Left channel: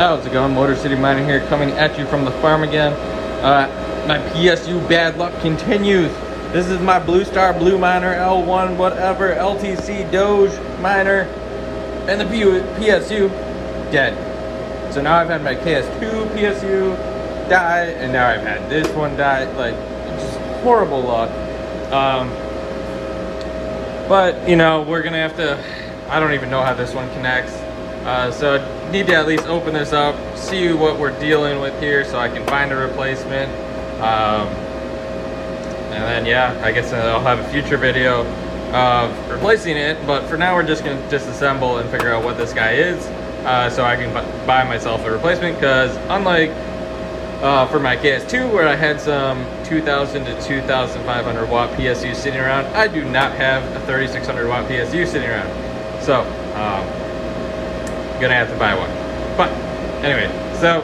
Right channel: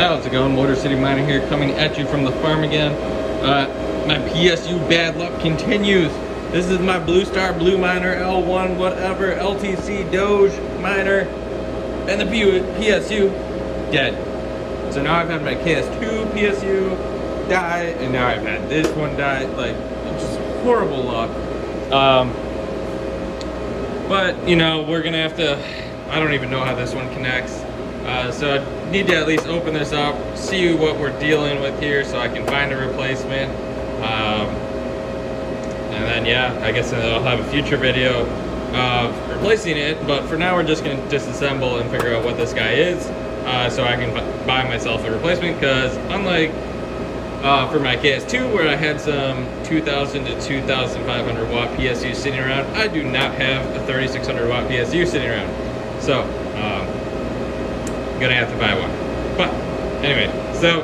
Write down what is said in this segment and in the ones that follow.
How's it going? Motor City Miner here, coming at you from the farm again. My PSU bad luck continues. This is my Blueminer L1 whatever LTC DOGE miner, and the PSU dead. So now I've had my KS2 PSU die, and now I've had this one die. Like, just horrible luck. But you know, we're gonna have to. I don't even know how this one connects. So I need to at least open this up, see what we're dealing with here so I can find a replacement. And then yeah, I guess I'll have a future video of replacing it, but for now we're just going to disassemble and figure out what this guy is, so I can buy myself a replacement, because unlike for my KS2 where I had some 2000 to 2500 watt PSU sitting around, I do not have a 3600 watt PSU sitting around. So gonna have to buy one. But anyway, so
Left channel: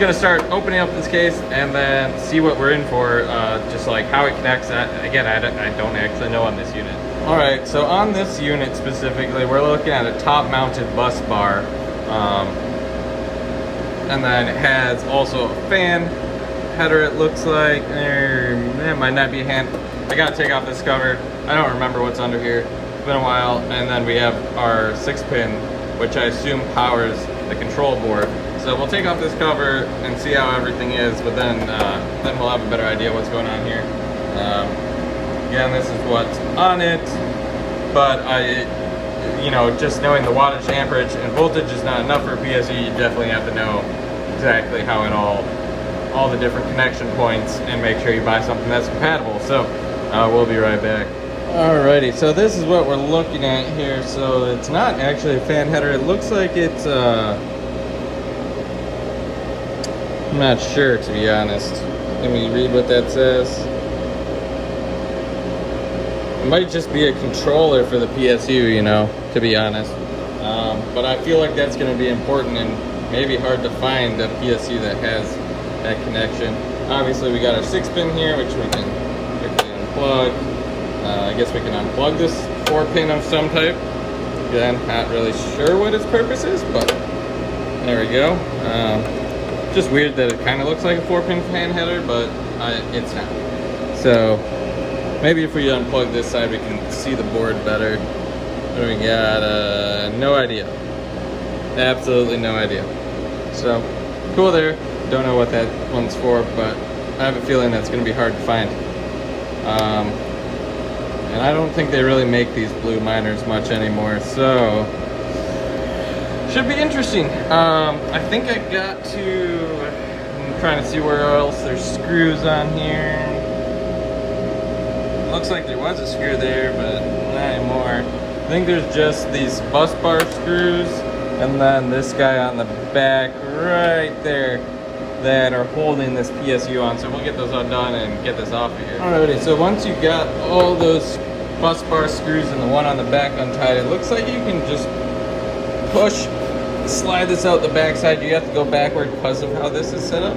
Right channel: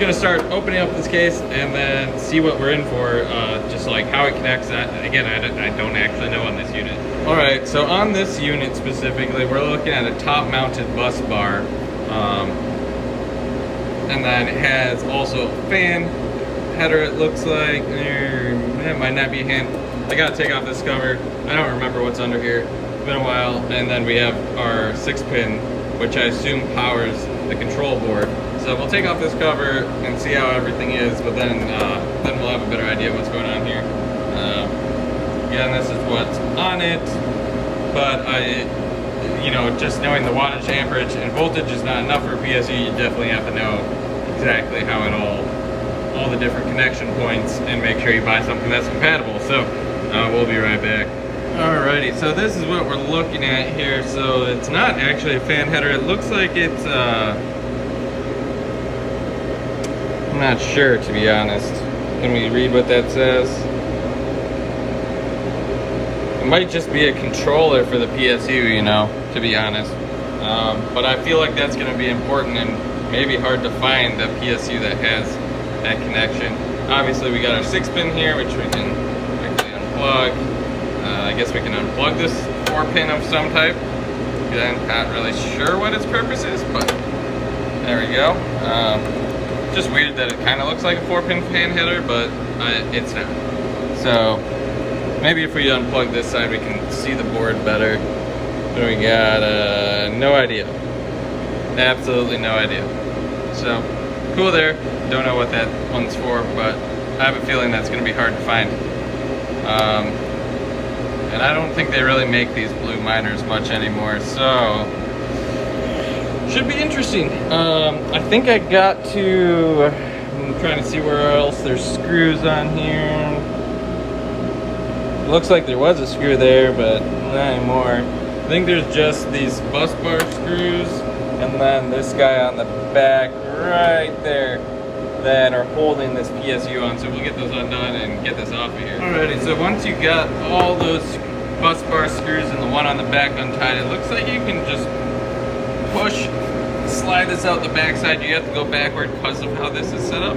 gonna start opening up this case and then see what we're in for, just like how it connects. That again, I don't actually know on this unit. All right, so on this unit specifically, we're looking at a top mounted bus bar, and then it has also a fan header. It looks like it might not be a hand. I gotta take off this cover. I don't remember what's under here. It's been a while. And then we have our 6-pin, which I assume powers the control board. So we'll take off this cover and see how everything is, but then we'll have a better idea what's going on here. Again, this is what's on it, but you know, just knowing the wattage, amperage, and voltage is not enough for PSU. You definitely have to know exactly how it all the different connection points, and make sure you buy something that's compatible. So we'll be right back. Alrighty, so this is what we're looking at here. So it's not actually a fan header. It looks like it's I'm not sure, to be honest. Can we read what that says? It might just be a controller for the PSU, you know, to be honest. But I feel like that's going to be important and maybe hard to find the PSU that has that connection. Obviously we got our 6-pin here, which we can quickly unplug. I guess we can unplug this 4-pin of some type. I'm not really sure what its purpose is, but there we go. Just weird that it kind of looks like a 4-pin fan header, but it's not. So maybe if we unplug this side, we can see the board better. What do we got? No idea. Absolutely no idea. So cool there. Don't know what that one's for, but I have a feeling that's going to be hard to find. And I don't think they really make these blue miners much anymore, so should be interesting. I think I got to, I'm trying to see where else there's screws on here. Looks like there was a screw there, but not anymore. I think there's just these bus bar screws, and then this guy on the back right there that are holding this PSU on. So we'll get those undone and get this off of here. Alrighty, so once you got all those bus bar screws and the one on the back untied, it looks like you can just push, slide this out the back side. You have to go backward because of how this is set up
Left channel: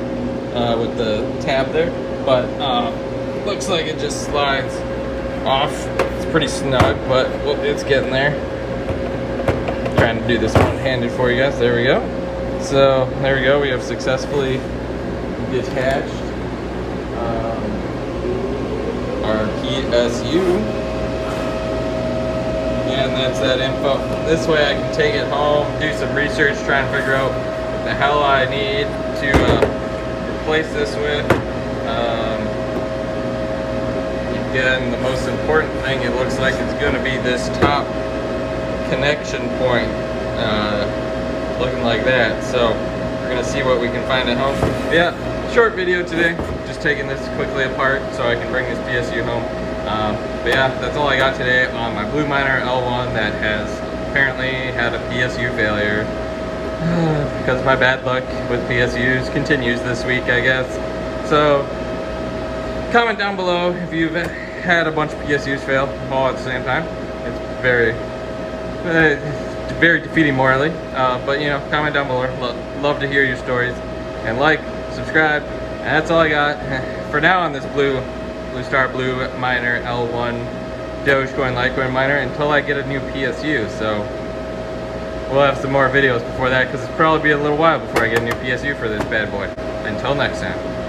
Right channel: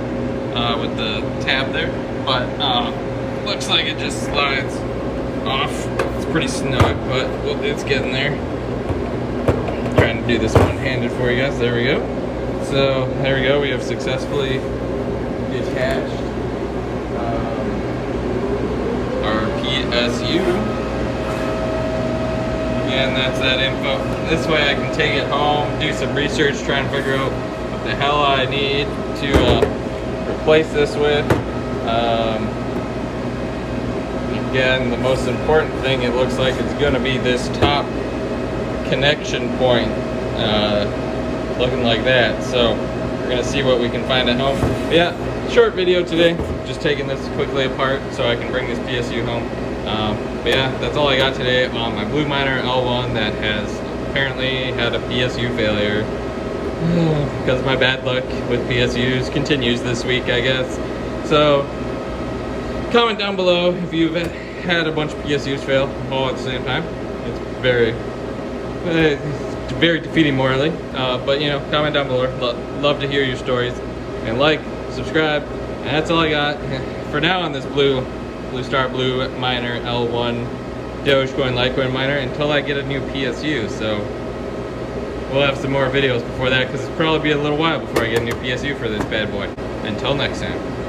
with the tab there, but looks like it just slides off. It's pretty snug, but it's getting there. Trying to do this one-handed for you guys. There we go. So there we go. We have successfully detached our PSU. And that's that info. This way I can take it home, do some research, try and figure out what the hell I need to replace this with. Again, the most important thing, it looks like it's going to be this top connection point, looking like that. So we're going to see what we can find at home. But yeah, short video today, just taking this quickly apart so I can bring this PSU home. But yeah, that's all I got today on my Blueminer L1 that has apparently had a PSU failure. Because my bad luck with PSUs continues this week, I guess. So comment down below if you've had a bunch of PSUs fail all at the same time. It's very defeating morally. But you know, comment down below. Love to hear your stories. And like, subscribe. And that's all I got for now on this Bluestar Blueminer L1 Dogecoin Litecoin miner until I get a new PSU. So we'll have some more videos before that, because it's probably be a little while before I get a new PSU for this bad boy. Until next time.